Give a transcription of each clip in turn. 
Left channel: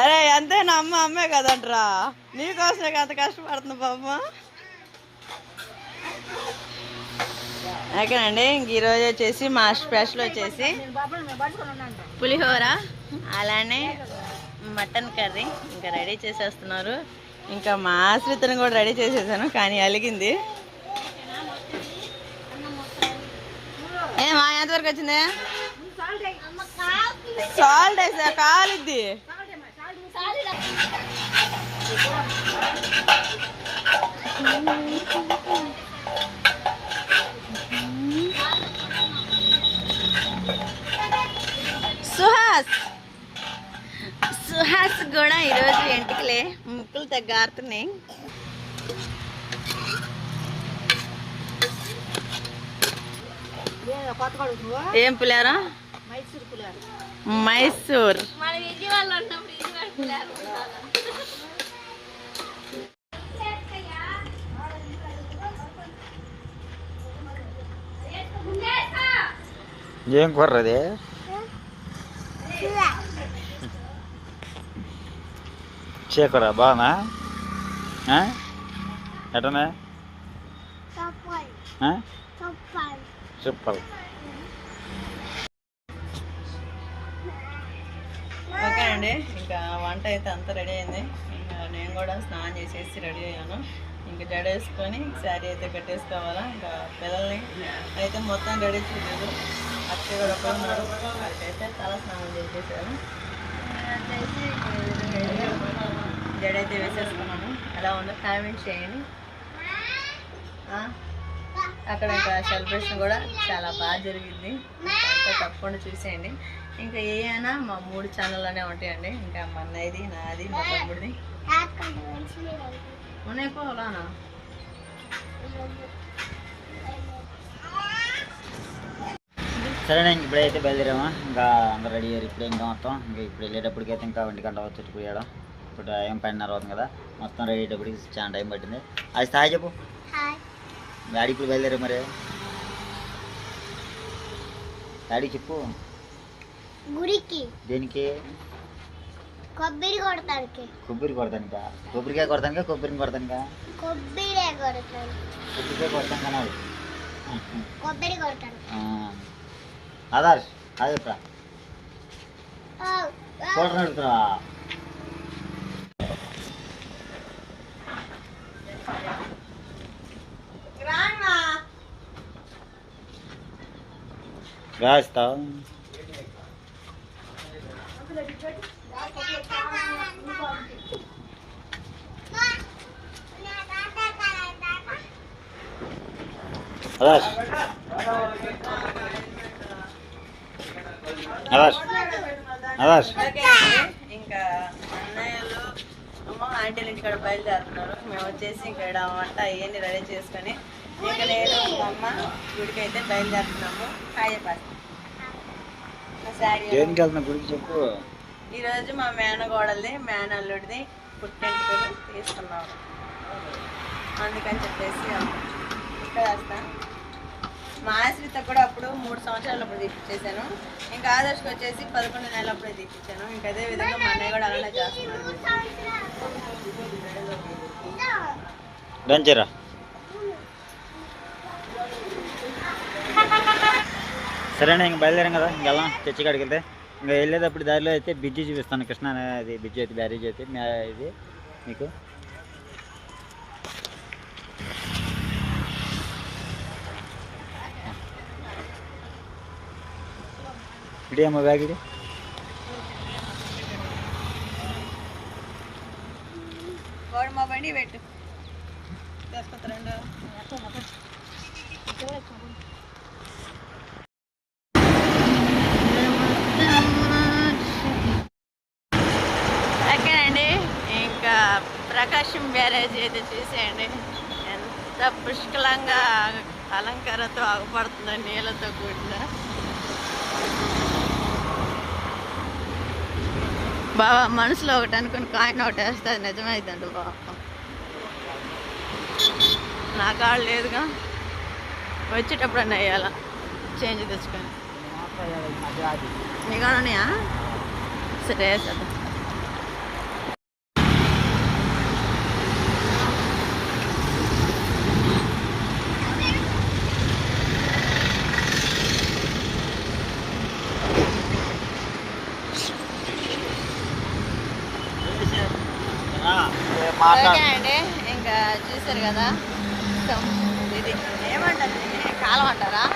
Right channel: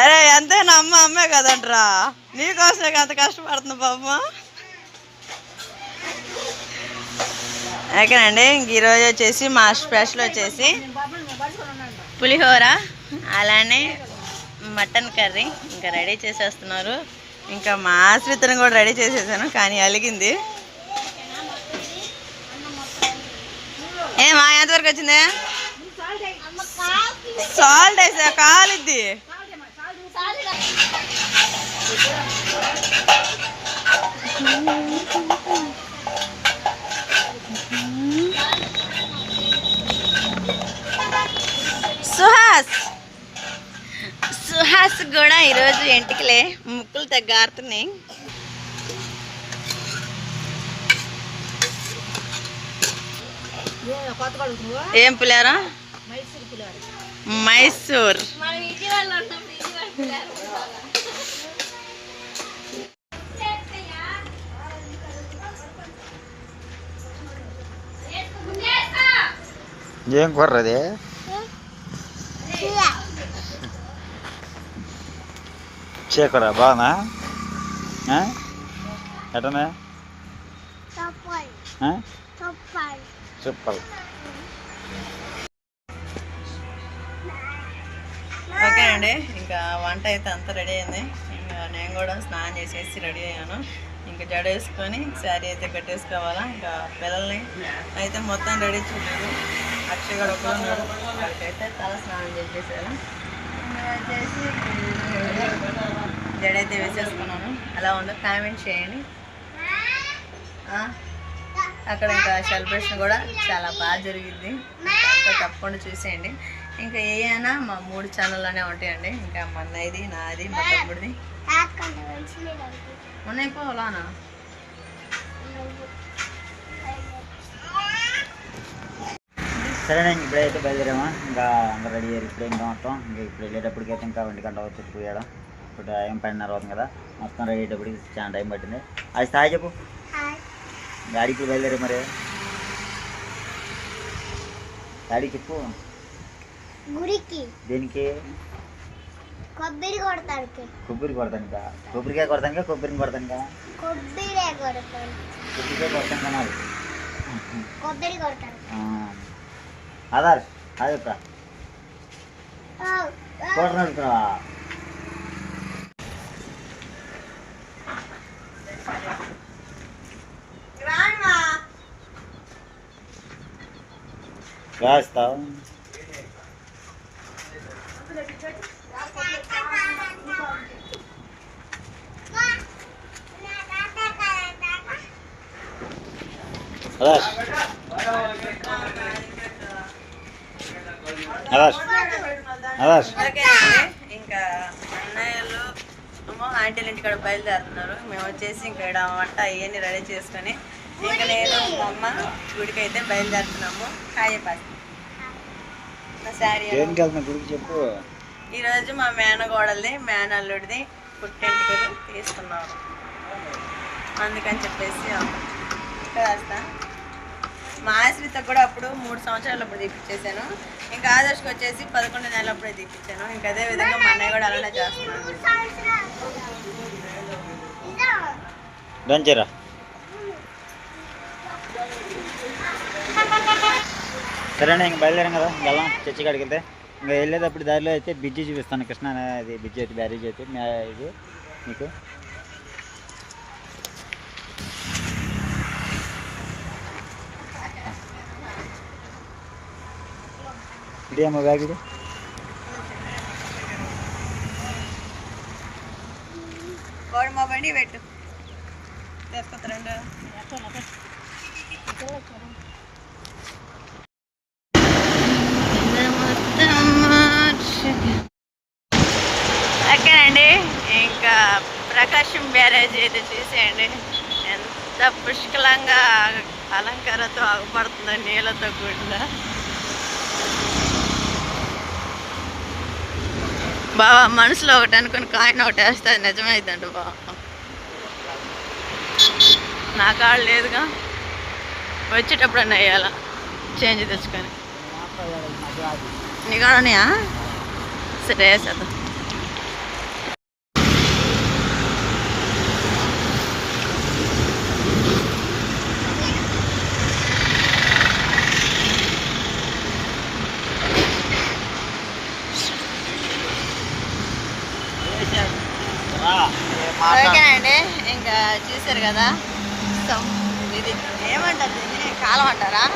అరే అంతే నా అమ్మ అమ్మే కదంట్రా? నీకోసమే అంత కష్టపడుతుంది పాప. ఓకేనండి ఇంక ఈరోజు వచ్చేసి మా స్పెషల్ వచ్చేసి పులిహోర అలానే మటన్ కర్రీ ఇంకా రెడీ చేసేస్తున్నారు. ఇంకా మా ఆశ్రితను కూడా రెడీ చేసేసాను కానీ అలిగింది. ఏ మా ఎంతవరకు వచ్చింది? సాల్ట్ వేసా కాలిద్ది. సుహాస్. సుహాస్ కూడా ఈరోజు ఎంటికలే ముక్కులు తగ్గారుతున్నాయి ఏం పిల్లారా మైసూర్. ఏం కుర్రది చీకరా బాగున్నా ఆ? ఎటనే? ఆ? సూపర్ ఇంకా వంట అయితే అంతా రెడీ అయింది. ఇంకా నేను కూడా స్నానం చేసేసి రెడీ అయ్యాను. ఇంకా జడ వేసుకొని శారీ అయితే కట్టేసుకోవాలా. ఇంకా పిల్లల్ని అయితే మొత్తం రెడీ చూడలేదు అక్షయ్ కూడా ఒకడు ఉన్నాడు. వాడికైతే తల స్నానం చేసేసాను జడ అయితే వేసేసుకున్నాను. ఎలా ఉందో కామెంట్ చేయండి. అక్కడ ఇంకా సెలబ్రేషన్ కూడా చాలా బాగా జరిగింది. అంతా తప్పకుండా చూసేయండి. ఇంకా ఏ అయినా మా మూడు ఛానల్లోనే ఉంటాయండి. ఇంకా మా అన్నయ్యది నాది మా తమ్ముడిది. ఉన్నాయి పోలానా సరేనా ఇంక ఇప్పుడైతే బయలుదేరామా? ఇంకా అందరూ రెడీ అయ్యారు ఇప్పుడే ఇంకా మొత్తం. ఇంకా ఇప్పుడు వెళ్ళేటప్పటికైతే ఇంకా ఒంటి గంట వచ్చి పోయాడు ఇప్పుడు టైం పన్నెండున్నర అవుతుంది కదా. మొత్తం రెడీ అయ్యేటప్పటికి చాలా టైం పట్టింది. అది స్థాయి చెప్పు. డాడీ ఇప్పుడు బయలుదేరా మరి. డాడీ చెప్పు. గుడికి దేనికి? కొబ్బరి కొడతానికి. కొబ్బరి కొడతానిక? కొబ్బరికాయ కొడతానికా? కొబ్బరిని కొడతానికా? కొబ్బరి కొడతాను కొబ్బరికాయ కొడతాను కనాలి కొబ్బరి కొడతాను ఆధార్ అది చెప్తా కోటర్ అడుగుతావా వేస్తావు ఆధార్ ఆధార్ ఇంకా అన్నయ్యలు ఆంటీలు ఇంటికాడ బయలుదేరుతున్నారు. మేము వచ్చేసి ఇంకా ఇక్కడ వంట అవన్నీ రెడీ చేసుకొని ఇంకా నేను మా అమ్మ గుడికి అయితే బయలుదేరుతున్నాము. హాయ్ పాస్ దేనికి వెళ్తున్నా గుడికి చెప్పు. ఈరోజు మా మేనగోడల్ది మేనల్లుడిది పుట్టింటికలు తీసుకున్నారు అందుకని చెప్పేసి వేస్తా మా ఆశ్రిత కూడా అప్పుడు మూడు సంవత్సరాలు అప్పుడు తీపిచ్చేసాను. ఇంకా ఆదర్శకి వచ్చేసి పదకొండు నెలలు అప్పుడే తీపిచ్చాను. ఇంకా అదే విధంగా మా అన్నయ్య కూడా అలానే చేస్తున్నాను సరేనా ఇంక బయలుదేరాం కదా ఇంక వెళ్ళాం చర్చి కాడికి వెళ్తే. ఇంకా వెళ్ళేటప్పుడు దారిలో అయితే బ్రిడ్జి చూపిస్తాను కృష్ణ అనేది బ్రిడ్జి అయితే బ్యారేజ్ అయితే మ్యా ఇది మీకు. ఇదే అమ్మ బ్యాగ్ ఇది? కోడి మా పెట్టు. ఓకేనండి. ఇంకా ప్రకాశం బ్యారేజ్ అయితే చూసేయండి. ఎంత పుష్కలంగా అలంకారతో ఆగపడుతుందో నీళ్ళతో కూడిన. బావా మనసులో ఒకటి అనుకుని కాయిన్ ఒకటి వేస్తే నిజమైందండి బావా. నా కాళ్ళు లేదుగా. వచ్చేటప్పుడు అన్న వేయాలా చేంజ్ తెచ్చుకొని. నీకు సరే వేసేద్దాం ఓకేనండి ఇంకా చూసారు కదా? సం- ఇది ఏమంటారు దీన్ని? కాలం అంటారా?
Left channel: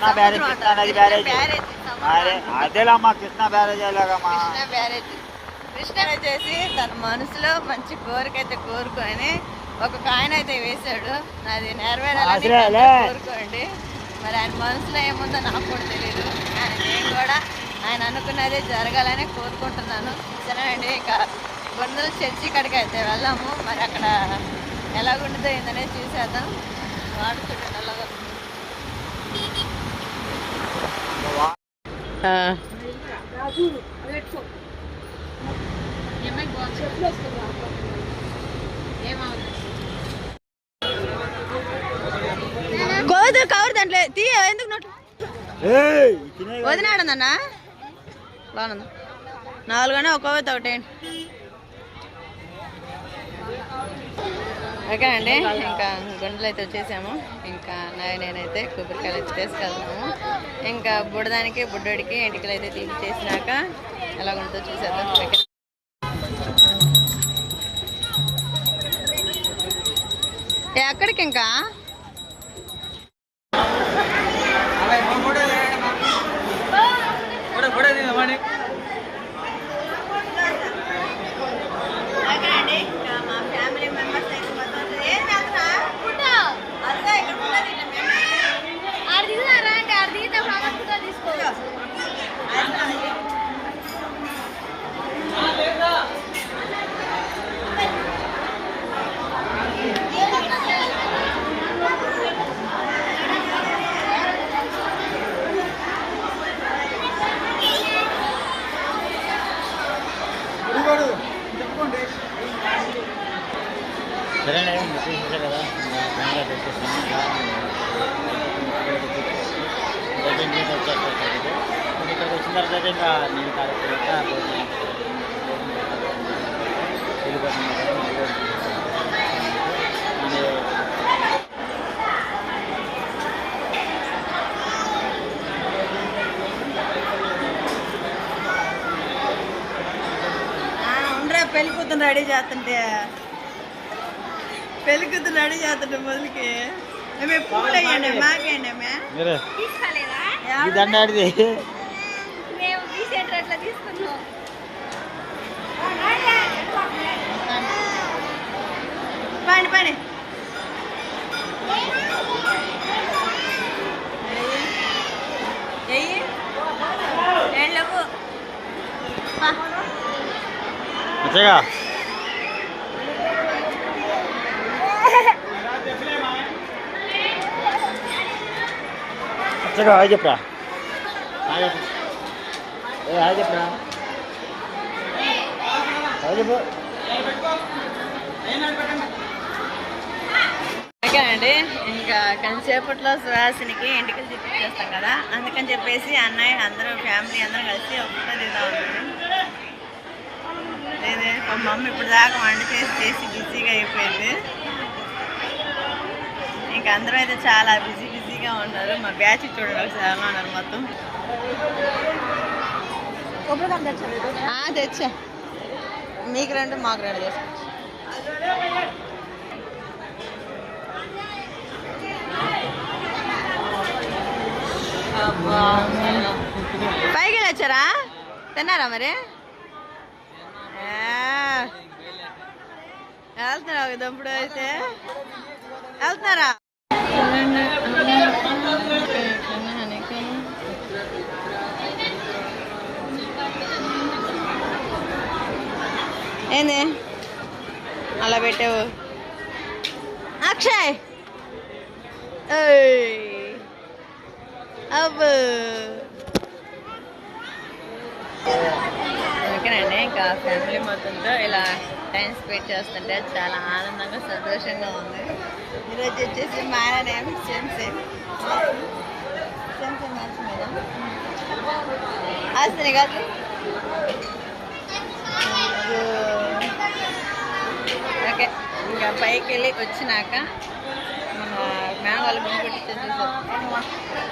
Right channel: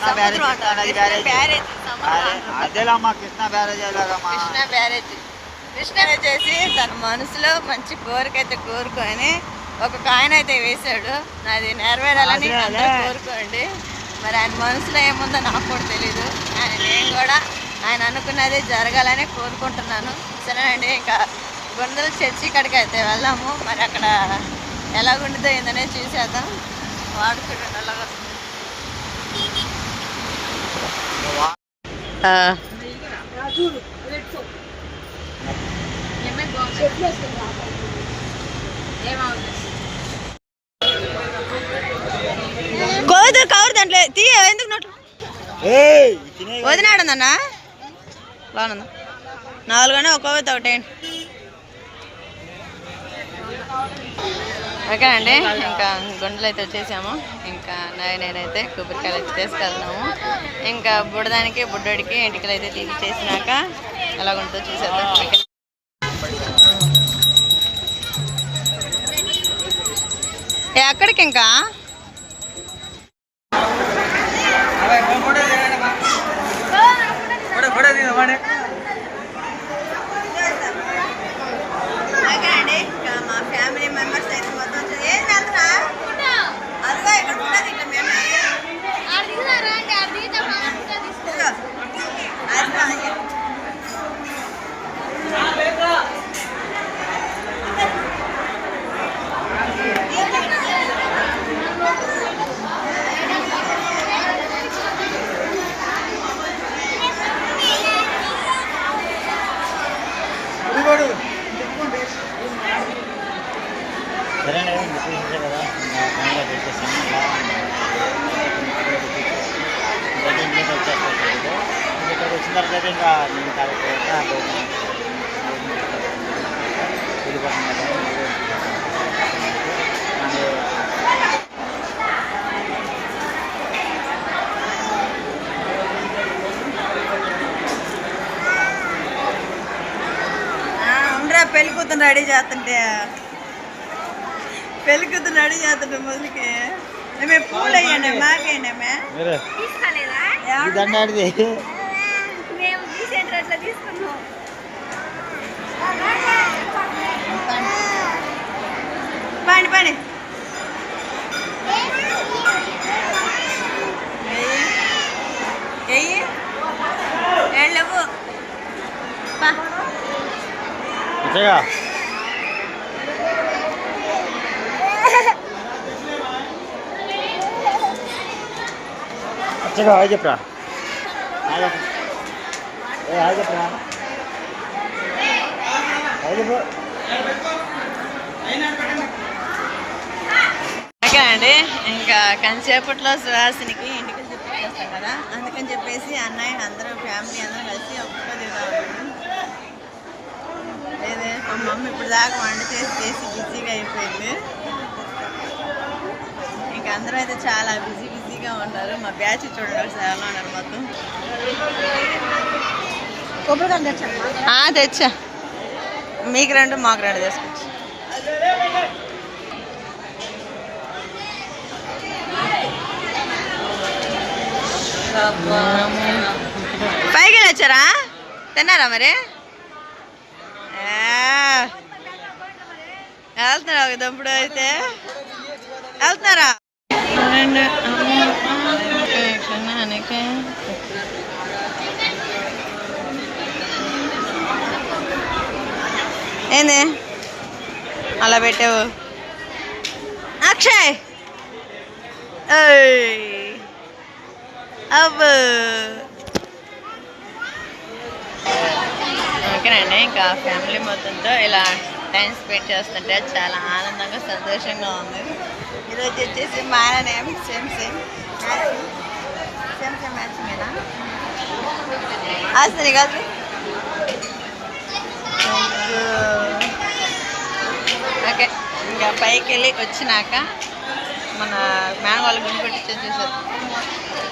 సముద్రం అంటారు? కృష్ణ బ్యారేజ్. అదేలమ్మా కృష్ణ బ్యారేజ్ ఎలాగమ్మా? కృష్ణ బ్యారేజ్. కృష్ణ వచ్చేసి తన మనసులో మంచి కోరిక అయితే కోరుకొని ఒక కాయిన్ అయితే వేశాడు. నాది నెరవేరాలని కోరుకోండి. మరి ఆయన మనసులో ఏముందో నాకు కూడా తెలీదు. కానీ నేను కూడా ఆయన అనుకున్నది జరగాలని కోరుకుంటున్నాను. సరేనండి ఇక గుండెల చర్చి కాడికి అయితే వెళ్దాము. మరి అక్కడ ఎలాగుంటుందో ఏందనేది చూసేద్దాం. వాడు చూడండి అలాగా. కోతులు కవర్ దాంట్లో తీయ ఎందుకు నోట్లు ఏయ్, తినే వదినాడుందన్నా బాగుందా. నాలుగునే ఒక కోత ఓకే ఓకేనండి ఇంకా గుండెలు అయితే వచ్చేసాము. ఇంకా నాయ నేనైతే కొబ్బరికాయలు అయితే తీసుకెళ్తున్నాము. ఇంకా బుడదానికి బుడ్డోడికి ఎంటికలు అయితే తీసి చేసినాక ఎలా ఉంటుందో చూసేద్దాం. ఓకే. ఏ, ఎక్కడికి ఇంకా ఓకేనండి ఇంకా మా ఫ్యామిలీ మెంబర్స్ అయితే మొత్తం ఏం చేస్తున్నా అరుగా ఇక్కడ ఉన్నది ఇట్లా మేమే ఇదిగో. అరుగా అది. సరేలే ఇంకా చూసేసా కదా ఇంకా బంగ్లా పెట్టేసాము ఇలా అయితే ఇంటికి వచ్చేస్తాను ఇక్కడ ఇక్కడికి వచ్చిన తర్వాత అయితే ఇంకా నేను కాలేకపోతే భోజనం వెళ్ళిపోతుంది కదా మళ్ళీ ఆ, ఉండరా పెళ్ళి కూతురు రెడీ చేస్తుంటే పెళ్ళి కూతురు రెడీ చేస్తుంటే మొదలుకి మేము పూలు అయ్యండి మాకేయండి మే మీరు ఈ దండ ఆడిది మేము తీసేటట్లా తీసుకున్నాం పండి పండి వెళ్ళవు హాయ్ చెప్పరా. ఏ హాయ్ చెప్పరా. హాయ్ చెప్పు. ఓకేనండి ఇంకా కొంతసేపట్లో సుహాసినికి ఇంటికి చూపించేస్తాం కదా అందుకని చెప్పేసి అన్నయ్య అందరూ ఫ్యామిలీ అందరూ కలిసి ఒక ఫోటో దిగుదాం ఉంటుంది లేదే మా మమ్మీ ఇప్పుడు దాకా వంట చేసి చేసి బిజీగా అయిపోయింది. ఇంకా అందరూ అయితే చాలా బిజీ బిజీగా ఉన్నారు. మా బ్యాచ్ చూడండి ఒకసారి ఎలా ఉన్నారు మొత్తం. తెచ్చా? మీకు రెండు మాకు రెండు తీసుకొచ్చు పైకి వచ్చారా తిన్నారా మరి? వెళ్తున్నారా ఒక దంపుడు అయితే? వెళ్తున్నారా? ఏంది? అలా పెట్టావు? అక్షయ్! అబ్బో. ఓకేనండి ఇంకా ఫ్యామిలీ మొత్తంతో ఇలా టైం స్పెండ్ చేస్తుంటే చాలా ఆనందంగా సంతోషంగా ఉంది. ఈరోజు వచ్చేసి మా ఆయన సేమ్ సేమ్ సేమ్ సేమ్ మ్యాచింగేనా ఆస్తిని కాదు. ఓకే ఇంకా పైకి వెళ్ళి వచ్చినాక మన మ్యాన్ గుండి గుండు కొట్టించని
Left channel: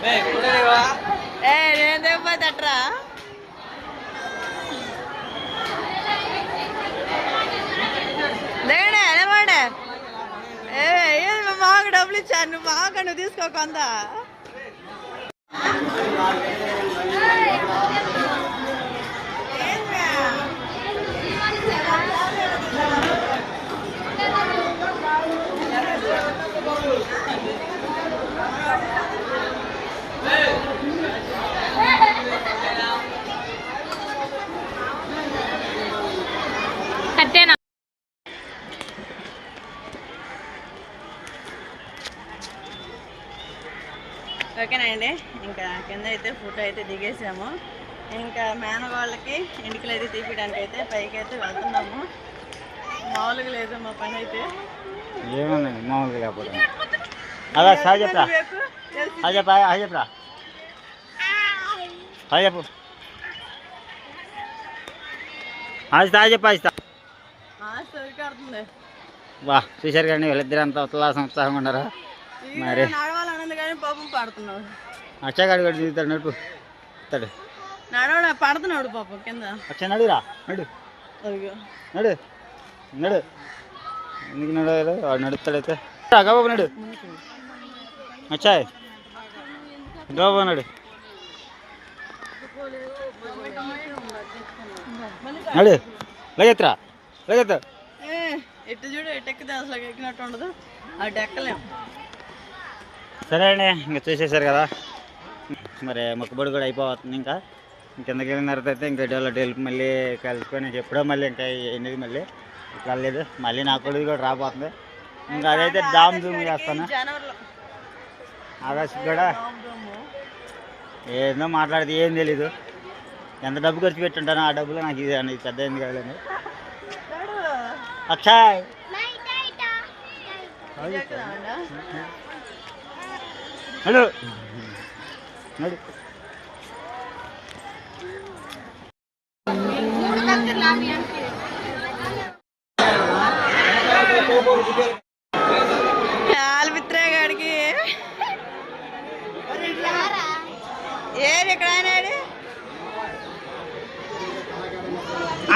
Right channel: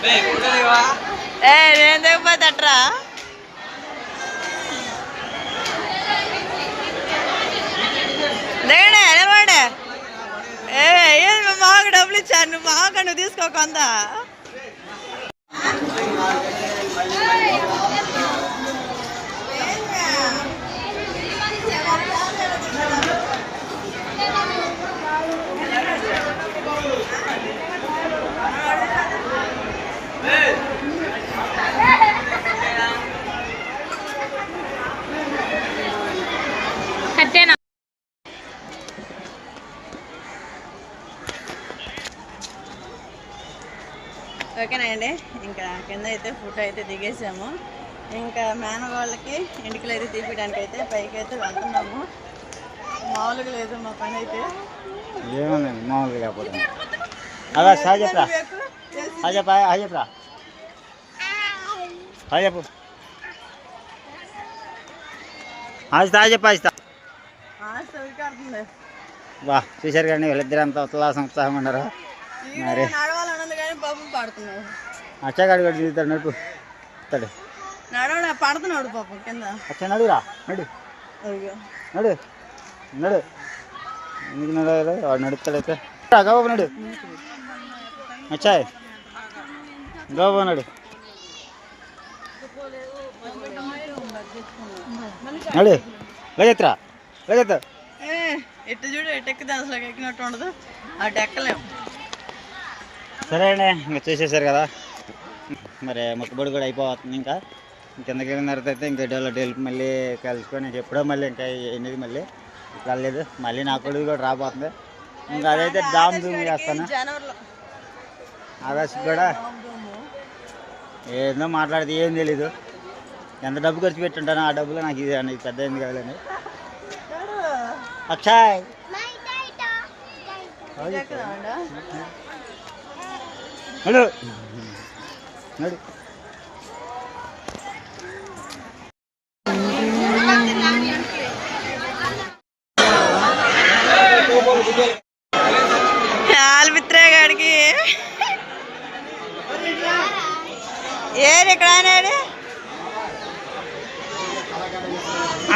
ఏ నేను దిగపోతే అట్రా? దిగండి నిలబడే ఏ ఏది మాకు డబ్బులు ఇచ్చాను నువ్వు మాకు నువ్వు తీసుకో ఓకేనండి ఇంకా కింద అయితే ఫోటో అయితే దిగేసాము. ఇంకా మేనగాళ్ళకి ఇంటికి అయితే తీపియడానికి అయితే పైకి అయితే వెళ్తున్నాము. మామూలుగా లేదు మా పని అయితే ఏముందండి? మామూలుగా హాయ్ చెప్పా హాయ్ చెప్పరా? హాయ్ చెప్పు. ఆస్తా వా చూశారు కానీ వీళ్ళిద్దరు అంతా ఉల్లాసం ఉత్సాహంగా ఉన్నారు. మరి పాడుతున్నాడు. అచ్చగాడు కూడా దిగుతాడు నడుపు. ఇస్తాడు నడవడ పడుతున్నాడు పాపం కింద. అచ్చ నడురా నడు. నడు. నడు. ఎందుకు నడవాలి వాడు నడుస్తాడైతే. గబాబు నడు. అచ్చాయ్ గబాబు నడు. నడు. లగెత్తురా లగెత్తు ఇటు చూడు ఇటు ఎక్కితే అసలు ఎక్కినట్టు ఉండదు. అటు ఎక్కలేం సరే అండి ఇంకా చూసేశారు కదా. మరి మొక్కుబడి కూడా అయిపోతుంది ఇంకా. కిందకి వెళ్ళిన తర్వాత అయితే ఇంకా డెవలప్ వెళ్ళి మళ్ళీ కలుసుకొని ఎప్పుడో మళ్ళీ ఇంకా ఎనిమిది మళ్ళీ వెళ్ళలేదు మళ్ళీ నా కొడుకు కూడా రాబోతుంది. ఇంకా అదైతే దామ్ దూమ్ చేస్తాను? ఆగస్టు కూడా? ఏందో మాట్లాడితే ఏం తెలీదు. ఎంత డబ్బు ఖర్చు పెట్టుంటానో ఆ డబ్బులు నాకు ఇది అని పెద్ద ఏంది కాదని నడు. అచ్చాయ్ నడు. నడు. ఆల్మిత్రే గాడికి. ఏది ఇక్కడ ఆనాడు?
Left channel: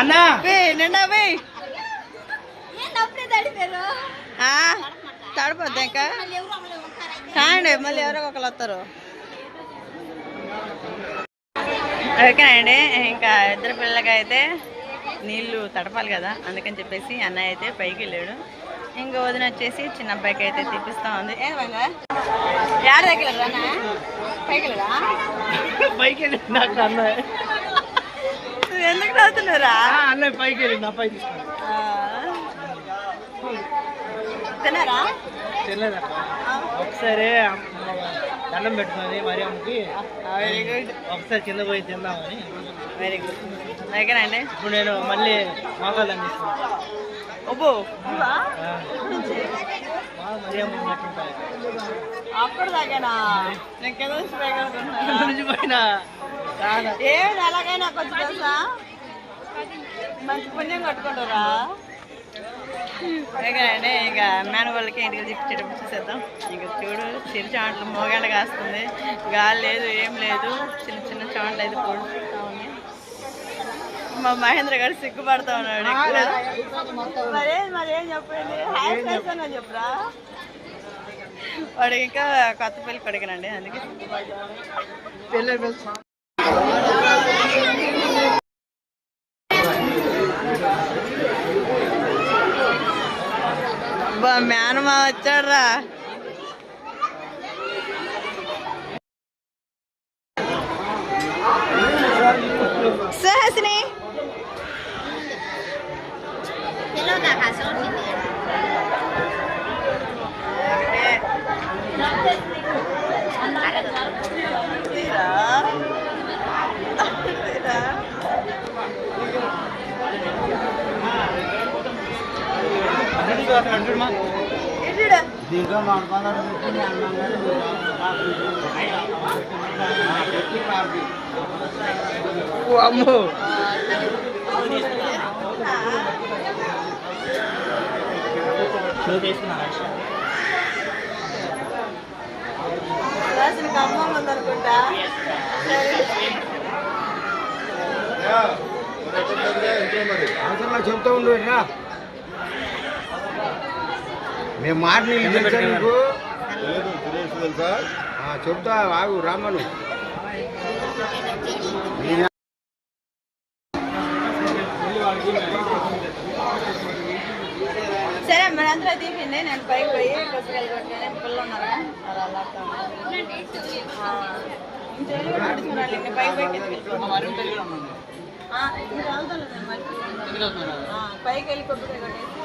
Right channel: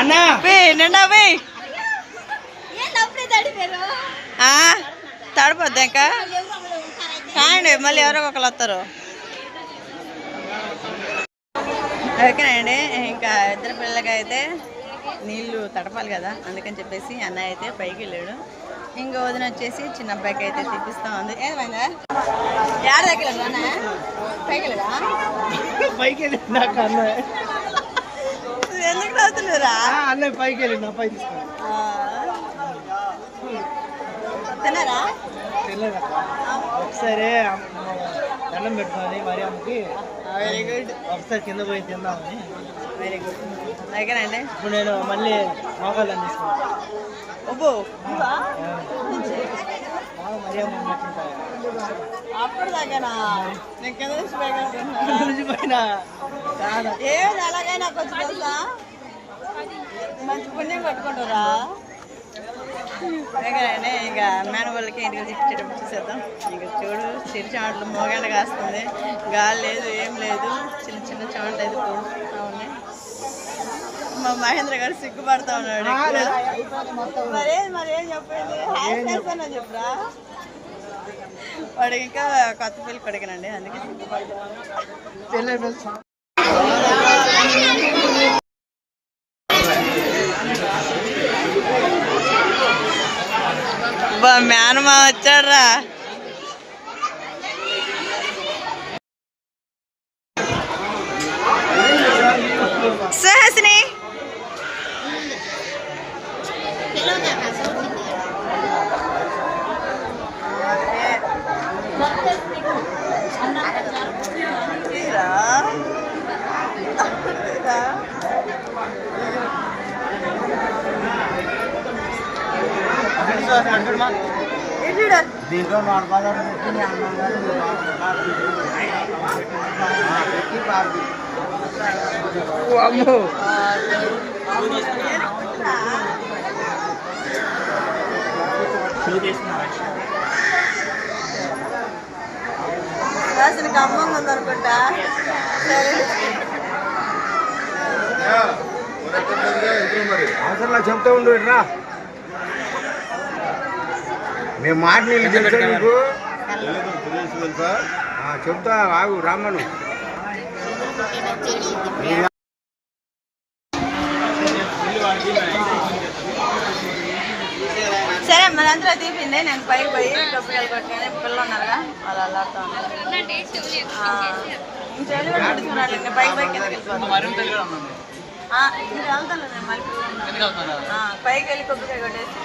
అన్నా. నిండా పోయి తడిపోద్ది ఇంకా. కాండి మళ్ళీ ఎవరో ఒకరు వస్తారు. ఓకేనండి ఇంకా ఇద్దరు పిల్లలకి అయితే నీళ్ళు తడపాలి కదా అందుకని చెప్పేసి అన్నయ్య అయితే పైకి వెళ్ళాడు. ఇంకా వదిన వచ్చేసి చిన్న అబ్బాయికి అయితే తీపిస్తా ఉంది. ఏమైందా దగ్గర పైకి ఎందుకు నవ్వుతున్నారా అన్నయ్య పైకి. తిన్నారా? ఒకసారి దండం పెట్టుకొని మరి అమ్మకి. ఒకసారి కింద పోయి తిందామని. ఇప్పుడు నేను మళ్ళీ మోకాళ్ళు బాగా మరి అమ్మ అప్పుడు దాకేనా? నేను కింద నుంచి ఏది అలాగైనా కొంచెం తెలుసా? మంచి పుణ్యం కట్టుకుంటారా ఇంకా మేన వాళ్ళకి ఇంటికి తీసుకొచ్చేటప్పుడు చూసేద్దాం. ఇంకా చూడు చిరు చాంట్లు మోగాండ కాస్తుంది. గాలి లేదు ఏం లేదు. చిన్న చిన్న చాంట్లు అయితే పొడుస్తూ ఉన్నాయి. మా మహేంద్ర గారు సిగ్గుపడతా ఉన్నాడు మరే మరేం చెప్పింది? హాయ్ చేస్తానో చెప్పురా? వాడు ఇంకా కొత్త పెళ్ళి కొడుకునండి అందుకే సిగ్గుపడతా మేనమా వచ్చాడ్రా సుహాసిని Thank you. దీంట్లో నూట పదహారు పెట్టి అన్నం కానీ పెట్టి బాబీ అమ్మో రాసిన ఉందనుకుంటా అవసరంలా చెప్తా ఉండు రా మేము మాట నీళ్ళు తెలుసా నీకు ఆ, చెప్తా ఆగు రామను సరే మరి అందరూ తీపిండి నేను పైకి పోయి కొట్టుకొని పిల్లలు ఉన్నారుగా మీరు వెళ్తాను నేను పైకి వెళ్ళి కొబ్బరికాయ కొట్టేసి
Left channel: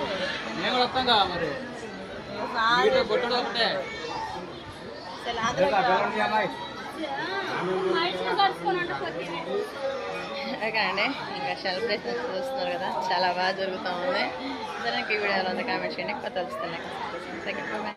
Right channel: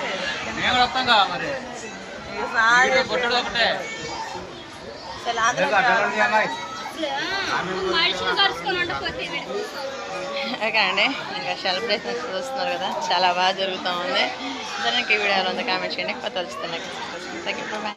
ఓకే అండి ఇంకా సెలబ్రేషన్స్ చూస్తున్నారు కదా చాలా బాగా జరుగుతూ ఉంది. సరే ఈ వీడియోలో ఉంది. కామెంట్ చేయండి. కొత్త వస్తుంది థ్యాంక్ యూ బాయ్